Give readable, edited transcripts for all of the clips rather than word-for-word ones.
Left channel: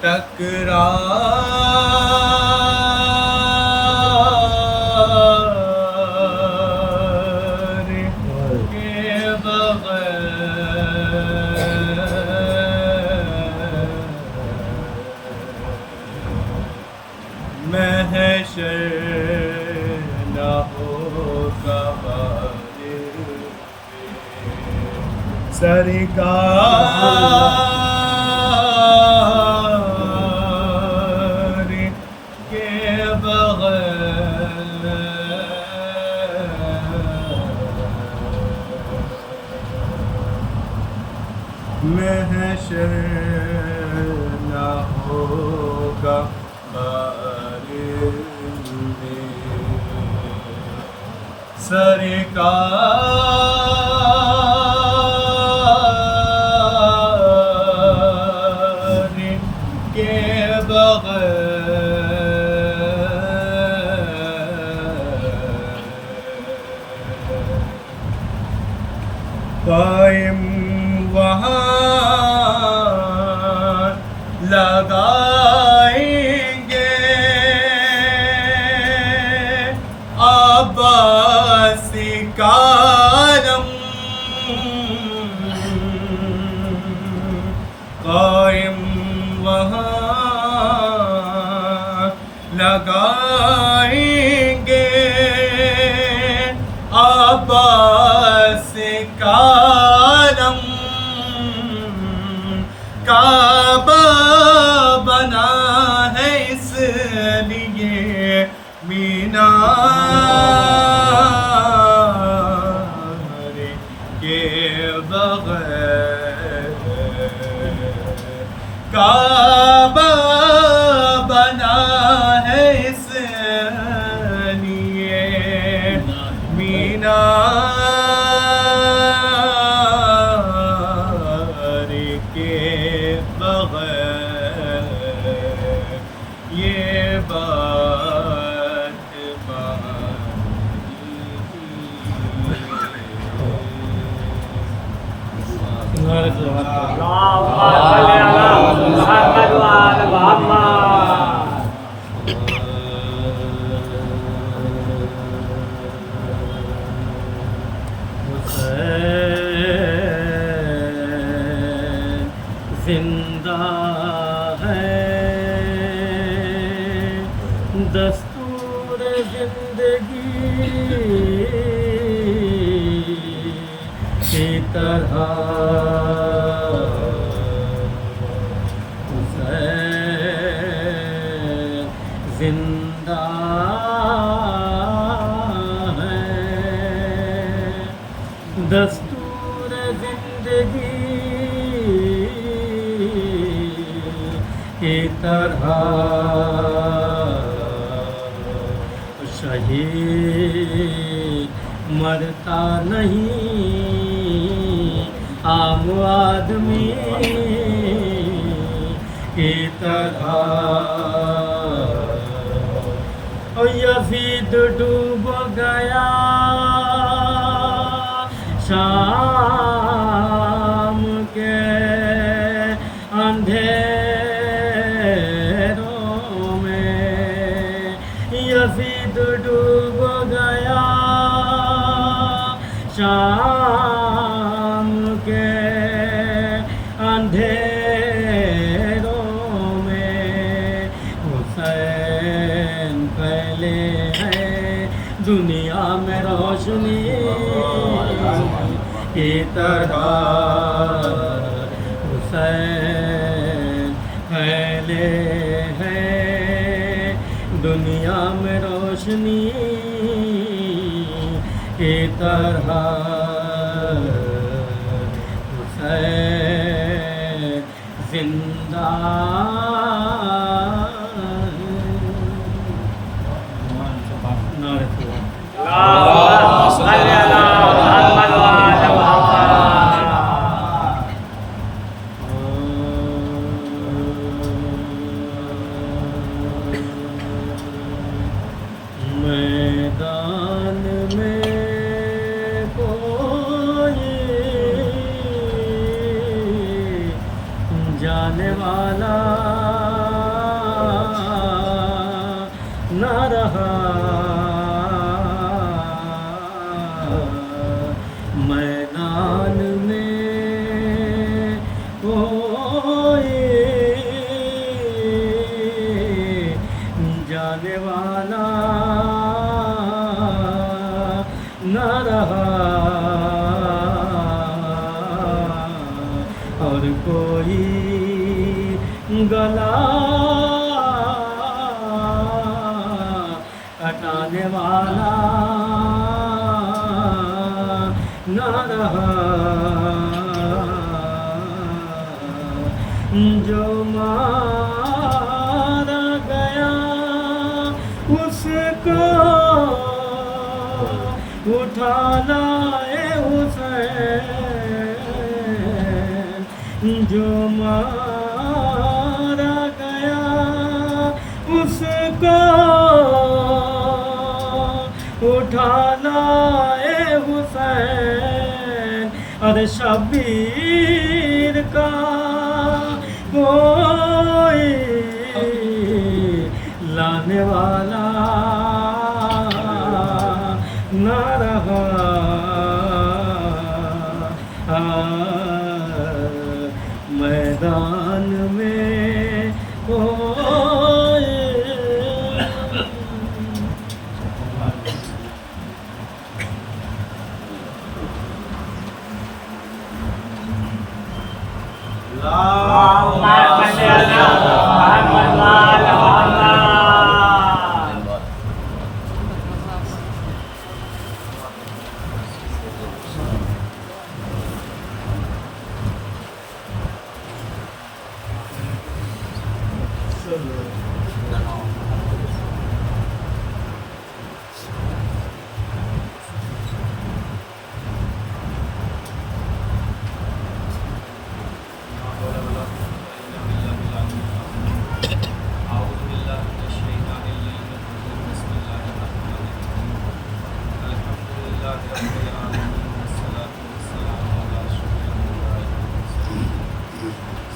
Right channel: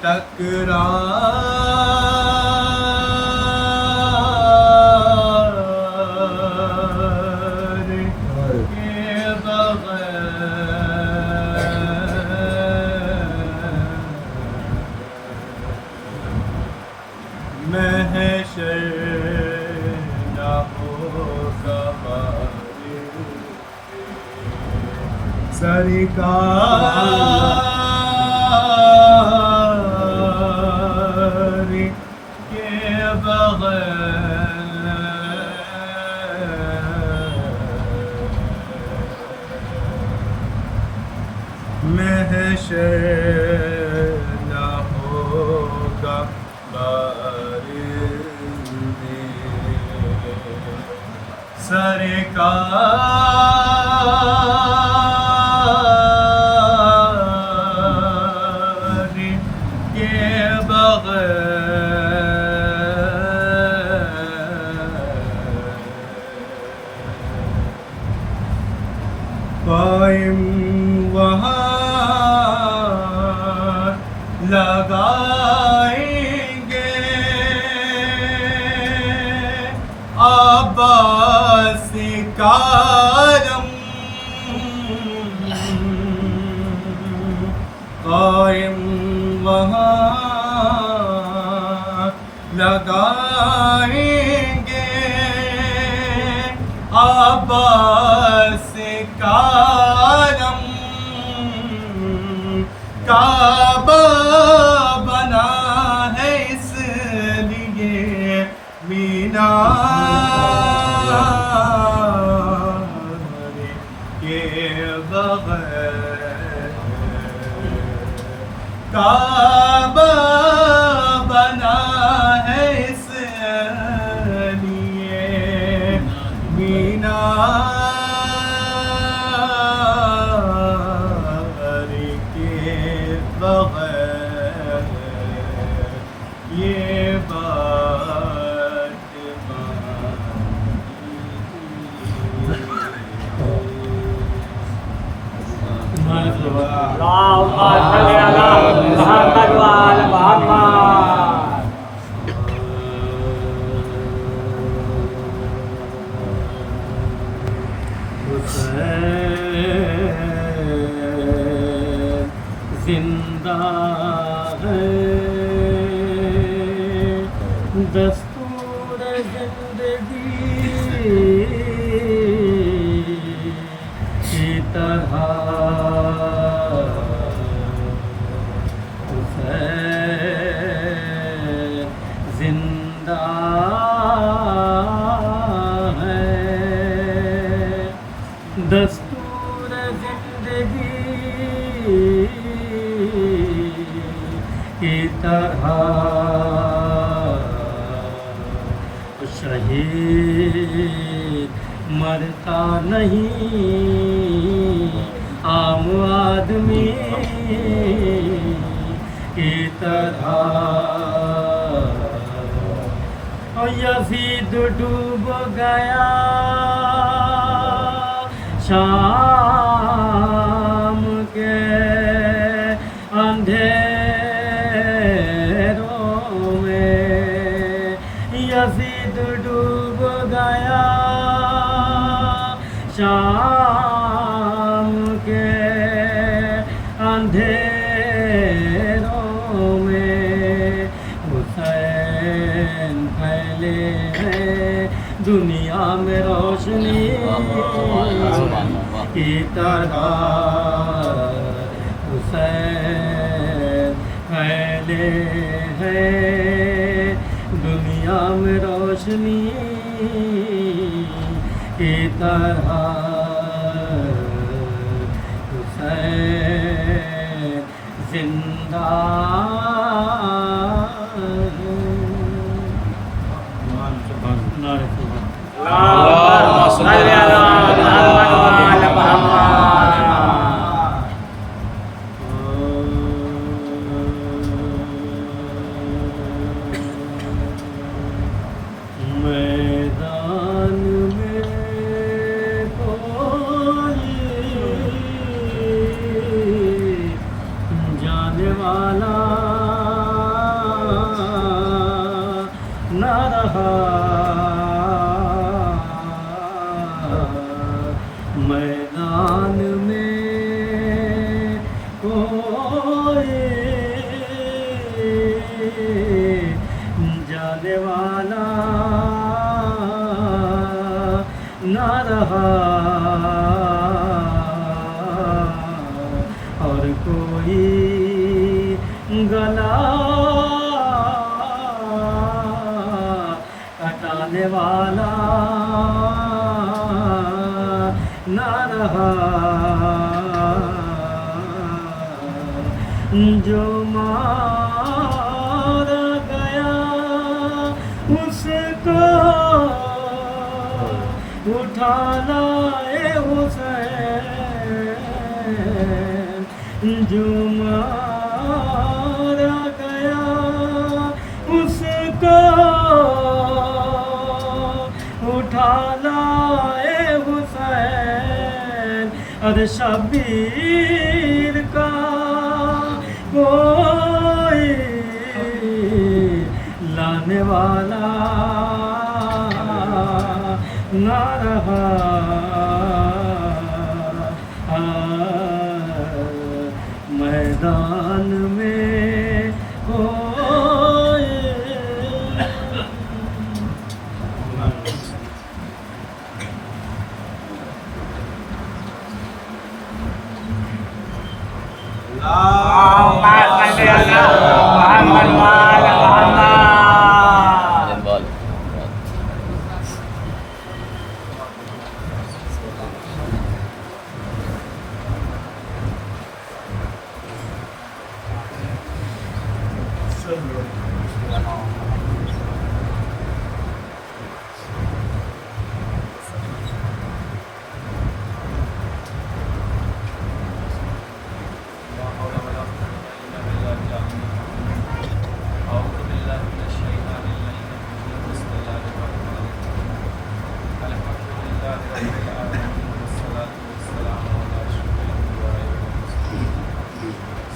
تکرار کے بغیر محشر نہ ہوگا سرکار کے بغیر محشر نہ ہوگا سرکار کے بغیر قائم وہاں لگائیں گے عباس کارم قائم وہاں لگائیں گے عباس کارم کعبہ بنا ہے اس لیے مینار کے بغیر کعبہ بنا ہے اس لیے مینار کے بغیر یہ بات حسین زندہ ہے دستور زندگی کی طرح حسین زندہ ہے دستور زندگی کی طرح شہید مرتا نہیں عام آدمی کی طرح یزید ڈوب گیا شام کے اندھیروں میں یزید ڈوب گیا شام کے اندھیروں میں حسین پہلے ہے دنیا میں روشنی کی طرح حسین پہلے ہے دنیا میں روشنی کی طرح حسین زندہ میدان میں کوئی جانے والا میدان میں کوئی جانے والا نہ رہا اور کوئی گلا کٹانے والا نہ رہا جو مارا گیا اس کو اٹھا لائے حسین جو مارا گیا اس کو اٹھا لائے حسین ارے شبیر کا کوئی لانے والا نہ رہا میدان میں کوئی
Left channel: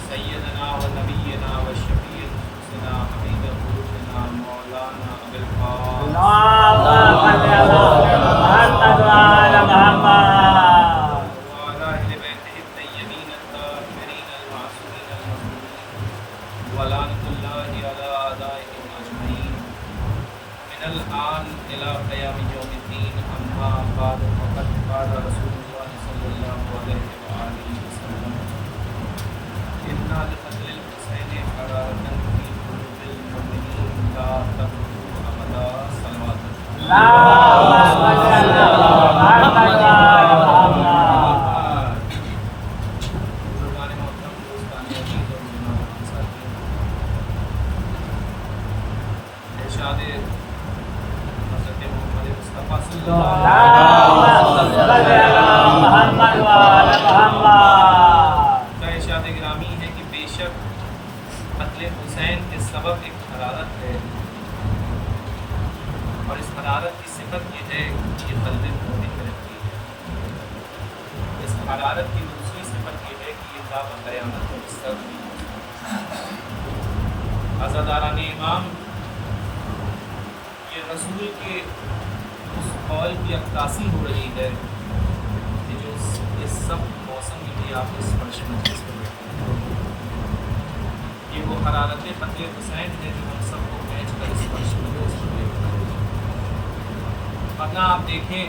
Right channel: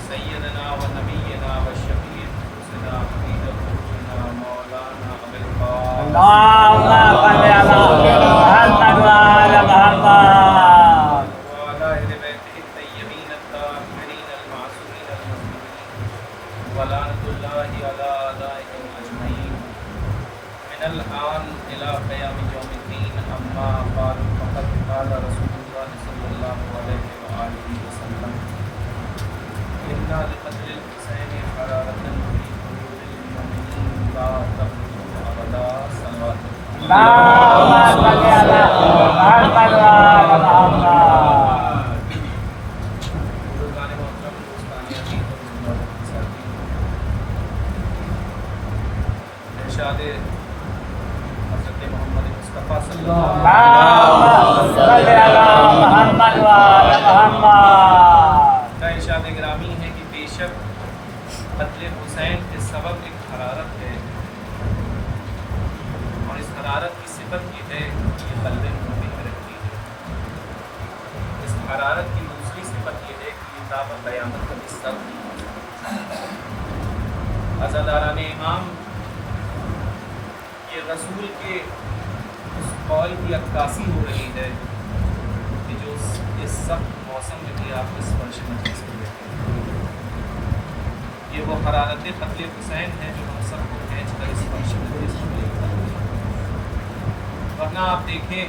سیدنا و نبینا و شفیع نفوسنا حبیب قلوبنا مولانا ابی القاسم وعلى اہل بیتہ الطیبین الطاہرین المعصومین المظلومین ولعنۃ اللہ علی اعدائهم اجمعین من الآن الى قیام یوم الدین اما بعد فقد قال رسول اللہ صلی اللہ علیہ وآلہ وسلم إنا لقتل الحسين حرارة في قلوب المؤمنين لا تبلغ أبدا صلوات بزرگان محترم دوستان عزیز و مہمان ساتھیوں، ارشاد حضرت محمد مصطفیٰ صلی اللہ علیہ وسلم کا ارشاد گرامی ہے کہ بے شک قتل حسین کے سبب ایک حرارت ہے، اور اس حرارت کی صفت یہ ہے کہ یہ قلب مومن میں رہتی ہے۔ اس حرارت کی دوسری صفت یہ ہے کہ یہ تا قیامت کا بستر نہیں ہوتا۔ عزاداران امام، یہ رسول کے اس قول کی عکاسی ہو رہی ہے کہ جو اس سخت موسم میں بھی آپ اس فرش مجلس کو بیٹھے ہیں، یہ وہ حرارت قتل حسین ہے جو ہم سب کو کھینچ کر اس فرش مجلس پر لے کر آتی ہے۔ ورنہ آپ دیکھیں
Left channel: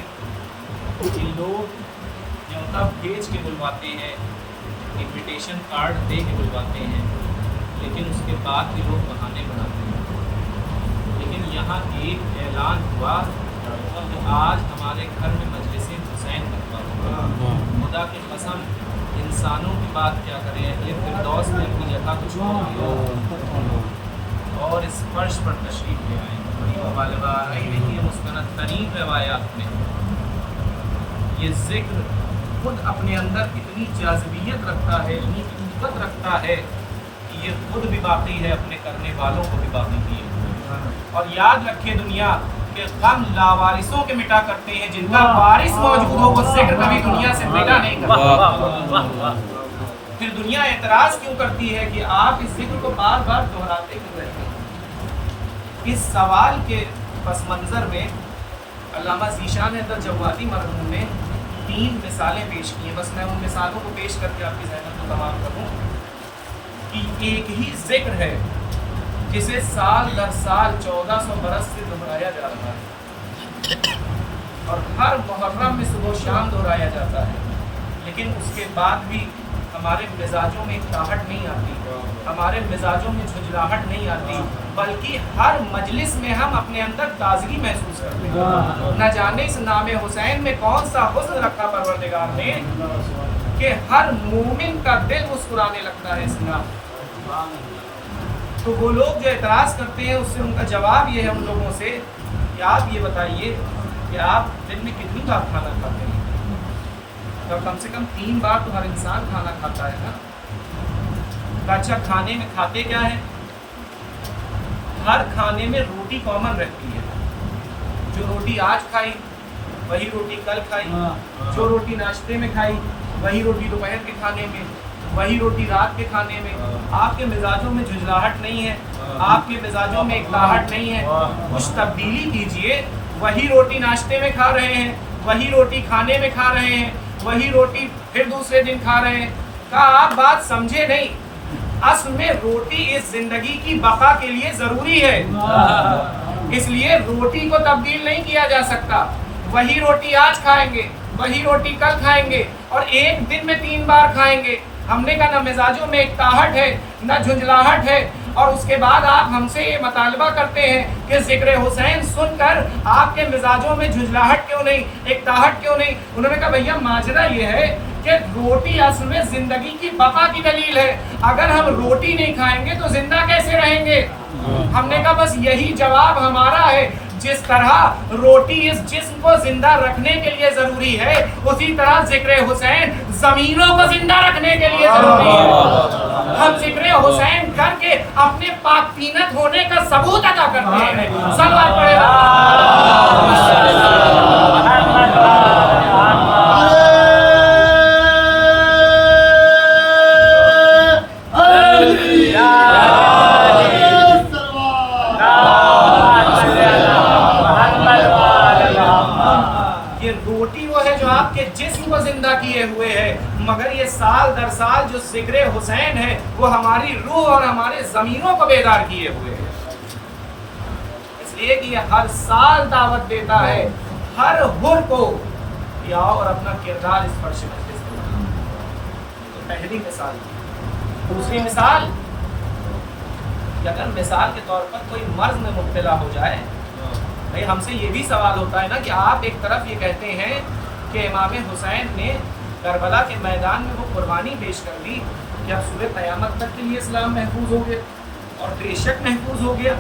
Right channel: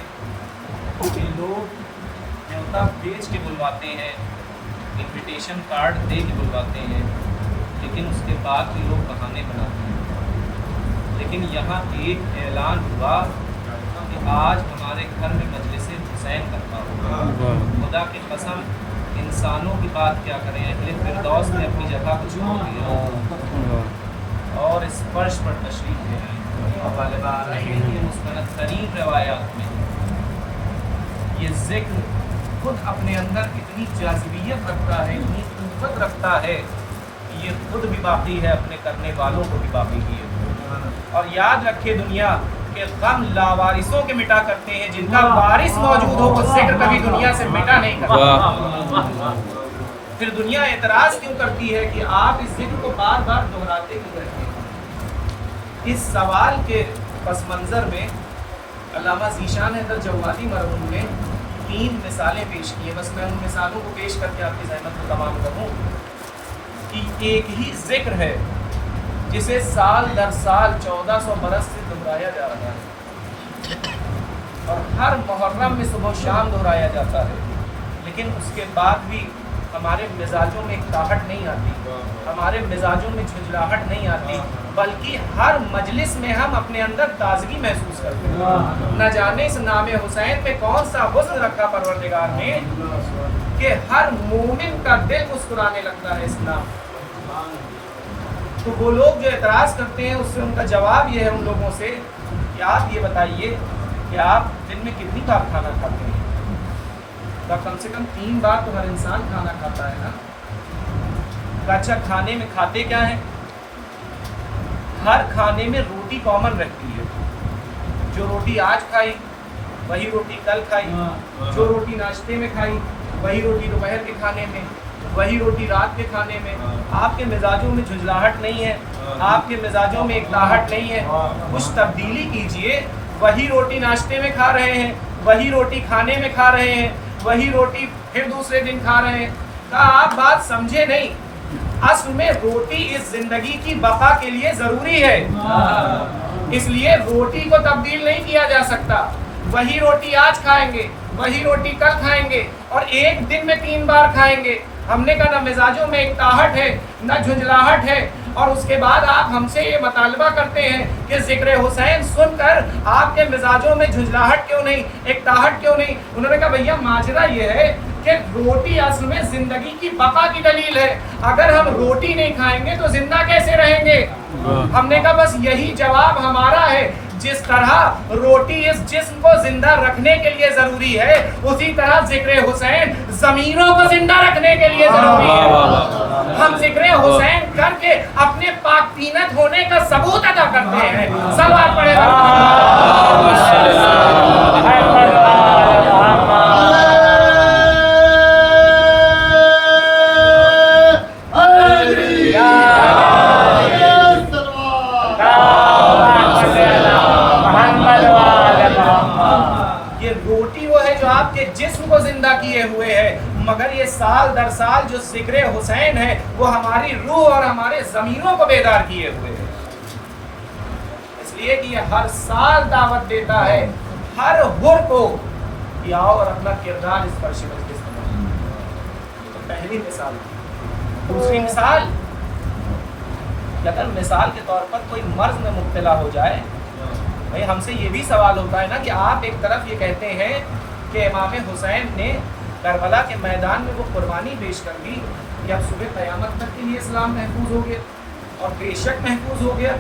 کہ لوگ نیوتا بھیج کے بلواتے ہیں، انویٹیشن کارڈ دے کے بلواتے ہیں، لیکن اس کے بعد بھی لوگ بہانے بناتے ہیں۔ لیکن یہاں ایک اعلان ہوا کہ آج ہمارے گھر میں مجلس حسین کرتا ہوگا۔ خدا کی قسم، انسانوں کی بات کیا کریں، اہل فردوس نے اپنی جگہ کو چھوڑ دیا اور اس فرش پر تشریف لے آئے۔ یہ مستند ترین روایات میں یہ ذکر خود اپنے اندر اتنی جاذبیت رکھتا ہے، اتنی قوت رکھتا ہے کہ یہ خود بھی باقی ہے، اپنے کرنے والوں کو بھی باقی کیے ہوئے۔ اور یاد رکھے دنیا کہ غم لاوارثوں کے مٹا کرتے ہیں، جن کا وارث موجود ہو وہ ذکر کبھی دنیا سے مٹا نہیں کرتا۔ پھر دنیا اعتراض کیوں کرتی ہے کہ آپ اس ذکر کو بار بار دہراتے کیوں رہتے ہیں؟ اس سوال کے پس منظر میں علامہ ذیشان حیدر جوادی مرحوم نے 3 مثالیں پیش کی ہیں. بس میں ان مثالوں کو پیش کر کے آپ کی زحمت کو تمام کروں کہ ایک ہی ذکر ہے جسے سال در سال 1400 برس سے دہرایا جا رہا ہے اور ہر محرم میں صبح و شام دہرایا جاتا ہے, لیکن اس کے بعد بھی ہمارے مزاجوں میں ایک تاہٹ نہیں آتی, ہمارے مزاجوں میں جھنجھلاہٹ نہیں آتی, بلکہ ہر مجلس میں ہم اپنے اندر تازگی محسوس کرتے ہیں. نہ جانے اس نام حسین میں کون سا حسن رکھا پروردگار نے کہ ہر مومن کا دل مسکرانے لگتا ہے اس نام. تو وہ لوگ جو اعتراض کرتے ہیں اس سے ان کا جواب یہ ہے ان لوگوں سے کہ آپ یہ بتائیے کہ آپ دن میں کتنی بار کھانا کھاتے ہیں؟ تو کم سے کم 3 بار تو ہر انسان کھانا کھاتا ہے نا. اچھا, کھانے میں کھاتے کیا ہیں؟ ہر کھانے میں روٹی کامن رہتی ہے. جو روٹی آج کھائی وہی روٹی کل کھائی, جو روٹی ناشتے میں کھائی وہی روٹی دوپہر کے کھانے میں, وہی روٹی رات کے کھانے میں. آپ کے مزاجوں میں جھنجھلاہٹ نہیں ہے, آپ کے مزاجوں میں ایک تاہٹ نہیں ہے. کچھ تبدیلی کیجئے. وہی روٹی ناشتے میں کھا رہے ہیں, وہی روٹی کھانے میں کھا رہے ہیں, وہی روٹی پھر دوسرے دن کھا رہے ہیں. کہا آپ بات سمجھے نہیں, اصل میں روٹی اس زندگی کی بقا کے لیے ضروری ہے, اس لیے روٹی کو تبدیل نہیں کیا جا سکتا. وہی روٹی آج کھائیں گے, وہی روٹی کل کھائیں گے اور ایک دن میں 3 بار کھائیں گے. ہم نے کہا نہ مزاجوں میں ایک تاہٹ ہے نہ جھنجھلاہٹ ہے. اور اس کے بعد آپ ہم سے یہ مطالبہ کرتے ہیں کہ ذکر حسین سن کر آپ کے مزاجوں میں جھنجھلاہٹ کیوں نہیں, ایک تاہٹ کیوں نہیں؟ انہوں نے کہا بھیا ماجرا یہ ہے کہ روٹی اصل میں زندگی کی بقا کی دلیل ہے. اگر ہم روٹی نہیں کھائیں گے تو زندہ کیسے رہیں گے؟ ہم نے کہا بس یہی جواب ہمارا ہے. جس طرح روٹی اس جسم کو زندہ رکھنے کے لیے ضروری ہے, اسی طرح ذکر حسین زمینوں کو زندہ رکھنے کے لیے ضروری ہے. ہم ذکر حسین کر کے اپنے پاک تینت ہونے کا ثبوت ادا کرتے ہیں. صلوات پڑھے آپ کے جسم کو زندہ کیے ہوئے ہے, مگر یہ سال در سال جو ذکر حسین ہے وہ ہماری روح اور ہمارے ضمیروں کو بیدار کیے ہوئے ہے. اس لیے کہ یہ ہر سال دعوت دیتا ہے ہر حر کو کہ آؤ اور اپنا کردار اس فرش مجلس میں بناؤ. یہ تو پہلی مثال تھی. دوسری مثال کہ اگر مثال کے طور پر کوئی مرض میں مبتلا ہو جائے, بھائی ہم سے یہ بھی سوال ہوتا ہے نا کہ آپ ایک طرف یہ کہتے ہیں کہ امام حسین نے کربلا کے میدان میں وہ قربانی پیش کر دی کہ اب صبح قیامت تک کے لیے اسلام محفوظ ہو گیا, اور بے شک محفوظ ہو گیا,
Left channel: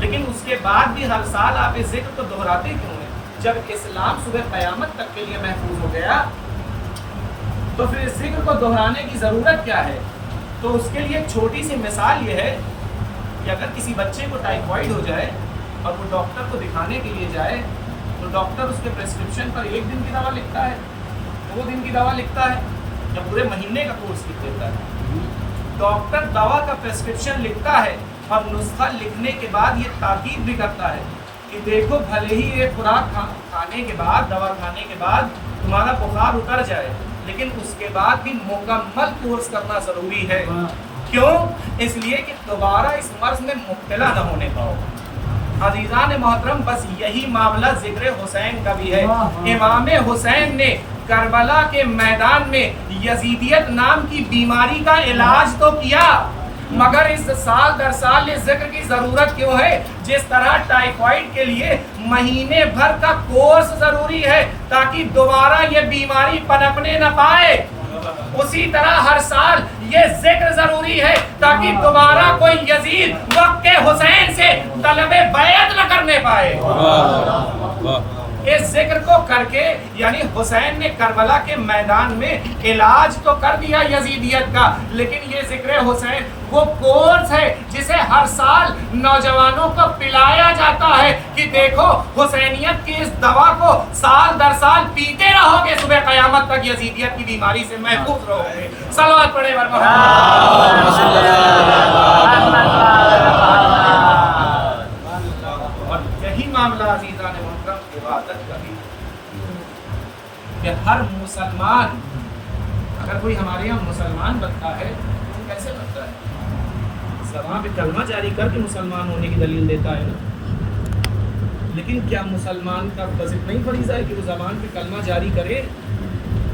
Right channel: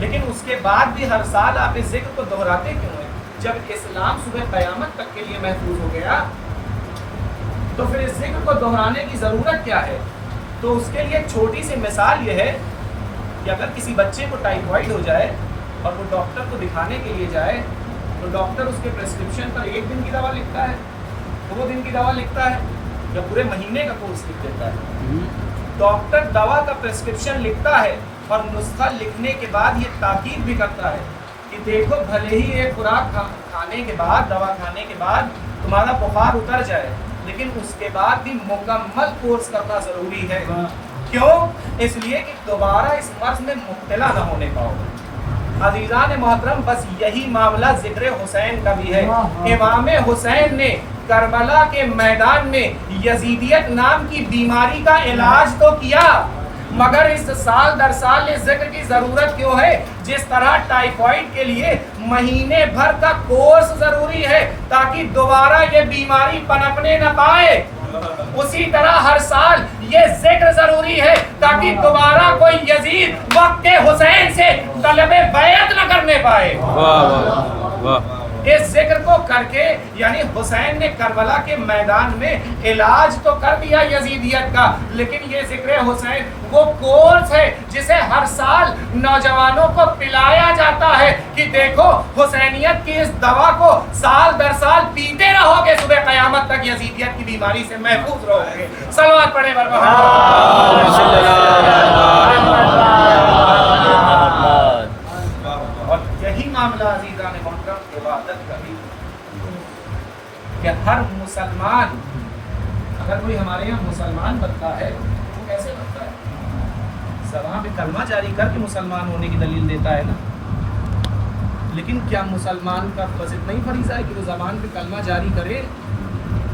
لیکن اس کے بعد بھی ہر سال آپ اس ذکر کو دہراتے کیوں ہیں؟ جب اسلام صبح قیامت تک کے لیے محفوظ ہو گیا تو پھر اس ذکر کو دہرانے کی ضرورت کیا ہے؟ تو اس کے لیے ایک چھوٹی سی مثال یہ ہے کہ اگر کسی بچے کو ٹائیفائڈ ہو جائے اور وہ ڈاکٹر کو دکھانے کے لیے جائے تو ڈاکٹر اس کے پرسکرپشن پر 1 دن کی دوا لکھتا ہے, 2 دن کی دوا لکھتا ہے, یا پورے مہینے کا کورس لکھ دیتا ہے. ڈاکٹر دوا کا پرسکرپشن لکھتا ہے اور نسخہ لکھنے کے بعد یہ تاکید بھی کرتا ہے کہ دیکھو بھلے ہی ایک خوراک کھانے کے بعد, دوا کھانے کے بعد تمہارا بخار اتر جائے, لیکن اس کے بعد بھی مکمل کورس کرنا ضروری ہے. کیوں؟ اس لیے کہ دوبارہ اس مرض میں مبتلا نہ ہونے پاؤ. عزیزان محترم, بس یہی معاملہ ذکر حسین کا بھی ہے. امام حسین نے کربلا کے میدان میں یزیدیت نام کی بیماری کا علاج تو کیا, مگر اس سال در سال اس ذکر کی ضرورت کیوں ہے؟ جس طرح ٹائیفائڈ کے لیے مہینے بھر کا کورس ضروری ہے تاکہ دوبارہ یہ بیماری پنپنے نہ پائے, اسی طرح ہر سال یہ ذکر ضروری ہے تاکہ دوبارہ کوئی یزید وقت حسین سے طلب بیعت نہ کرنے پائے. اس ذکر کو کر کے یعنی حسین نے کربلا کے میدان میں علاج تو کر دیا یزیدیت کا, لیکن یہ ذکر حسین وہ کورس ہے جسے ہر سال نوجوانوں کو پلایا جاتا ہے کہ دیکھو حسینیت کی اس دوا کو سال در سال پیتے رہو گے, صبح قیامت تک یزیدیت کی بیماری سے محفوظ رہو گے. صلوات پڑھے بر محمد. اور یہی معاملہ عزیزان محترم عبادت کا بھی. کہ ہر مسلمان، اگر کوئی ہمارے یہاں مسلمان بنتا ہے تو وہ کیسے بنتا ہے؟ زبان پہ کلمہ جاری کر کے مسلمان ہونے کی دلیل دیتا ہے نا. لیکن کیا مسلمان کا بس اتنا ہی فریضہ ہے کہ وہ زبان پہ کلمہ جاری کرے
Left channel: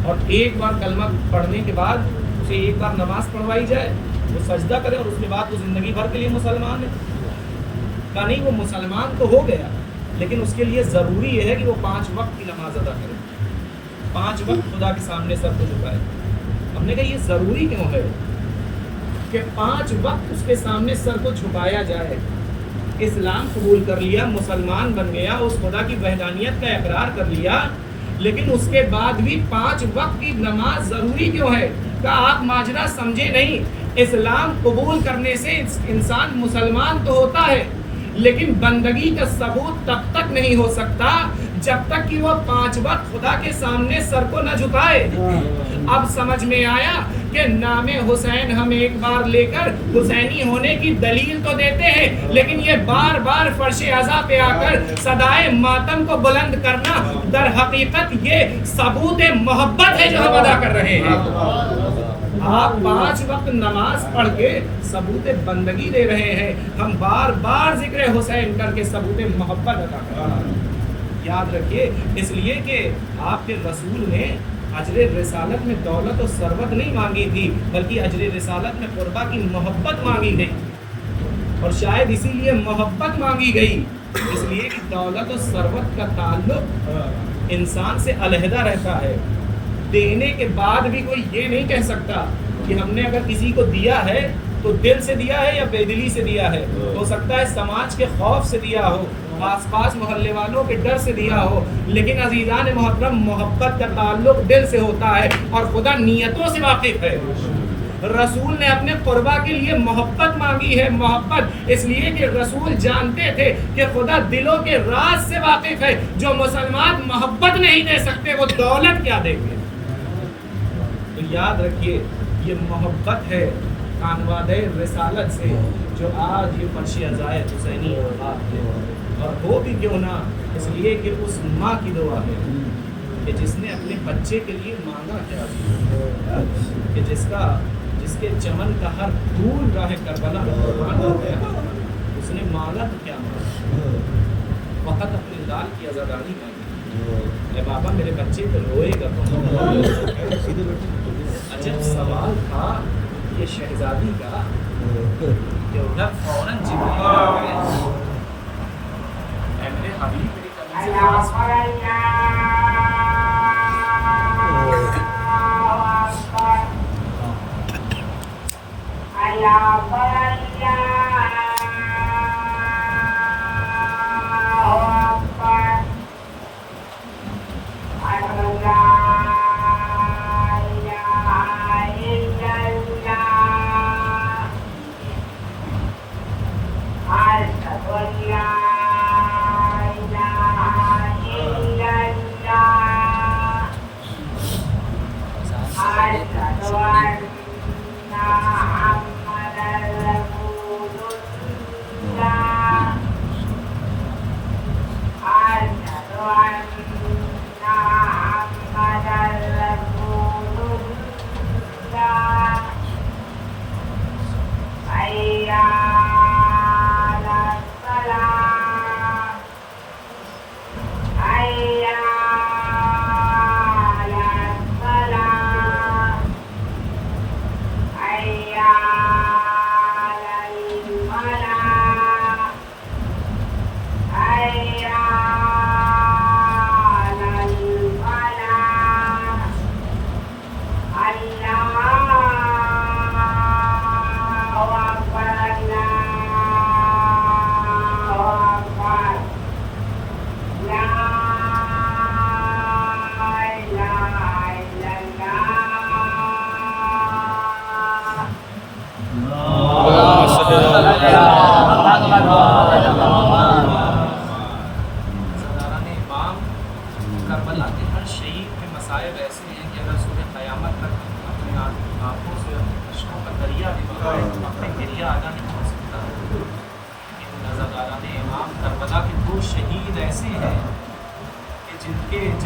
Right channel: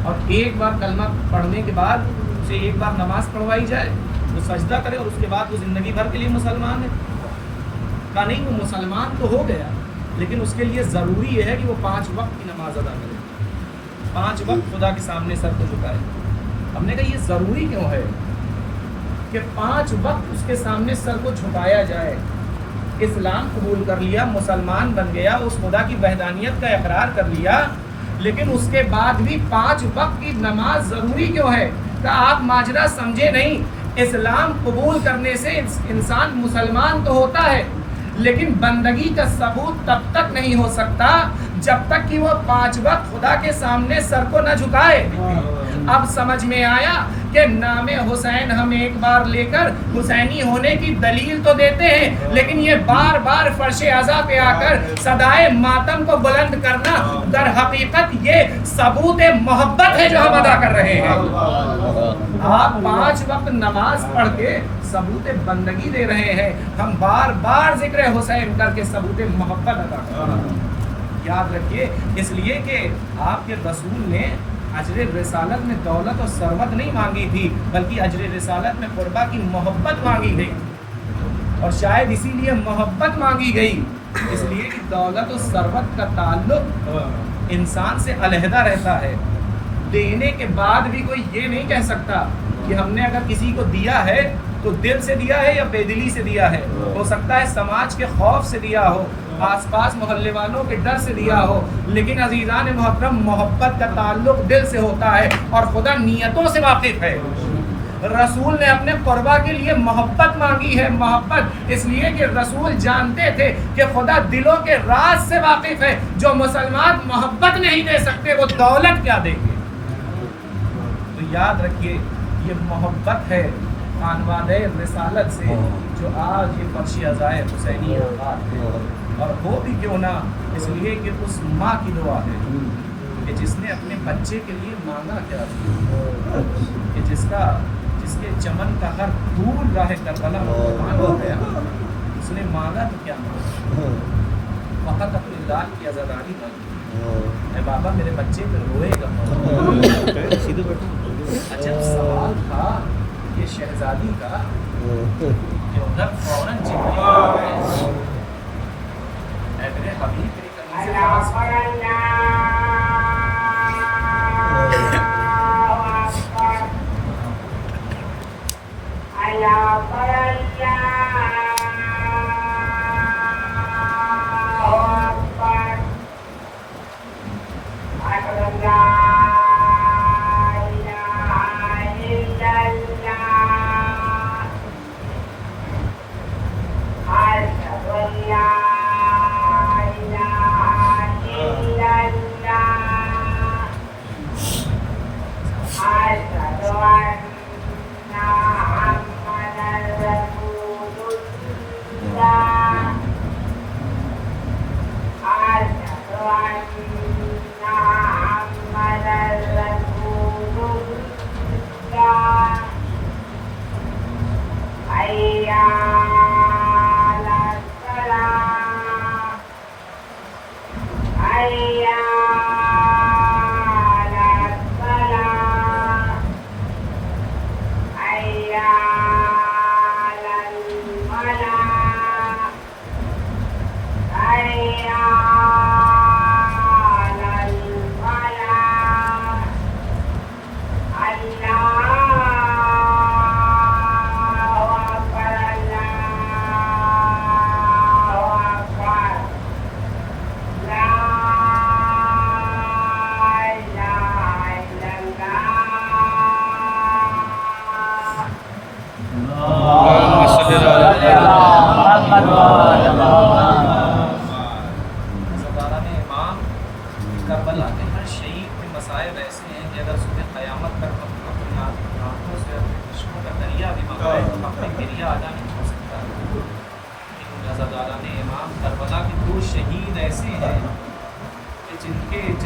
اور ایک بار کلمہ پڑھنے کے بعد اسے ایک بار نماز پڑھوائی جائے، وہ سجدہ کرے اور اس کے بعد وہ زندگی بھر کے لیے مسلمان ہے؟ کہا نہیں، وہ مسلمان تو ہو گیا لیکن اس کے لیے ضروری یہ ہے کہ وہ 5 وقت کی نماز ادا کرے، 5 وقت خدا کے سامنے سر کو جھکائے. ہم نے کہا یہ ضروری کیوں ہے کہ 5 وقت اس کے سامنے سر کو جھکایا جائے؟ اسلام قبول کر لیا، مسلمان بن گیا، اس خدا کی وحدانیت کا اقرار کر لیا، لیکن اس کے بعد بھی 5 وقت کی نماز ضروری کیوں ہے؟ کہ آپ ماجرا سمجھے نہیں. اسلام قبول کرنے سے انسان مسلمان تو ہوتا ہے لیکن بندگی کا ثبوت تب تک نہیں ہو سکتا جب تک کہ وہ 5 وقت خدا کے سامنے سر کو نہ جھکائے. اب سمجھ میں آیا کہ نام حسین ہم ایک بار لے کر حسینی ہونے کی دلیل تو دیتے ہیں، لیکن یہ بار بار فرش عزا پہ آ کر صدائے ماتم کو بلند کرنا در حقیقت یہ ثبوت محبت ہے جو ہم ادا کر رہے ہیں. آپ 5 وقت نماز پڑھ کے ثبوت بندگی دے رہے ہیں، ہم بار بار ذکر حسین کر کے ثبوت محبت ادا کر رہے ہیں. یاد رکھیے، اس لیے کہ آپ کے رسول نے اجر رسالت میں دولت و ثروت نہیں مانگی تھی، بلکہ اجر رسالت میں قربا کی محبت مانگی گئی. اور شاید اسی لیے محبت مانگی گئی، اس لیے کہ دولت و ثروت کا تعلق انسان سے علیحدہ رہتا ہے. دینے کے بعد بھی کوئی یہ نہیں کہہ سکتا کہ ہم نے اگر کسی کو دیا ہے تو دل سے دیا ہے یا بے دلی سے دیا ہے. ہو سکتا ہے سماج کے خوف سے دیا ہو، آس پاس محلے والوں کے ڈر سے دیا ہو، لیکن عزیزان محترم، محبت کا تعلق دل سے ہوتا ہے اور خدا نیتوں سے واقف ہے. رسول نے اپنے قربا کے لیے محبت مانگی ہے. محبت اس لیے کہ رسول جانتے تھے کہ خدا دلوں کے راز سے واقف ہے. جو مسلمان محبت نہیں دے سکتے وہ دولت کیا دیں گے؟ تو یاد رکھیے، یہ محبت ہے خانوادہ رسالت سے جو آج یہ فرش عزائے حسینی آباد ہے. اور ہو بھی کیوں نہ اس لیے کہ اس ماں کی دعا ہے کہ جس نے اپنے بچے کے لیے مانگا کیا، کہ جس کے چمن کا ہر پھول راہ کربلا میں قربان ہو گیا، اس نے مانگا تو کیا مانگا؟ فقط اپنی لال کی آزادانی مانگی. اے بابا میرے بچے پہ روئے گا کون؟ عجب سوال تھا یہ شہزادی کا کہ ادھر فوراً جبریل آ گئے. اے میرے حبیب میری قمیض خاص کربلا کے ہر شہید کے مصائب ایسے ہیں کہ اگر صبح قیامت تک ہم اپنی آنکھوں سے اشکوں کا دریا بھی منگائے تو اپنے گریا ادا نہیں ہو سکتا. لیکن نظرداران امام کربلا کے 2 شہید ایسے ہیں کہ جن کے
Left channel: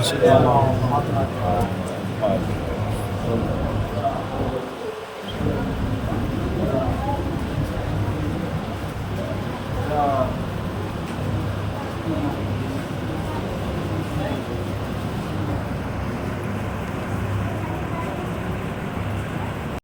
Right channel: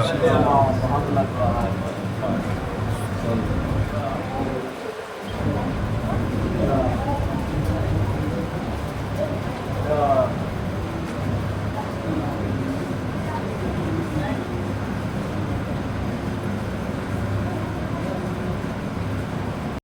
السلام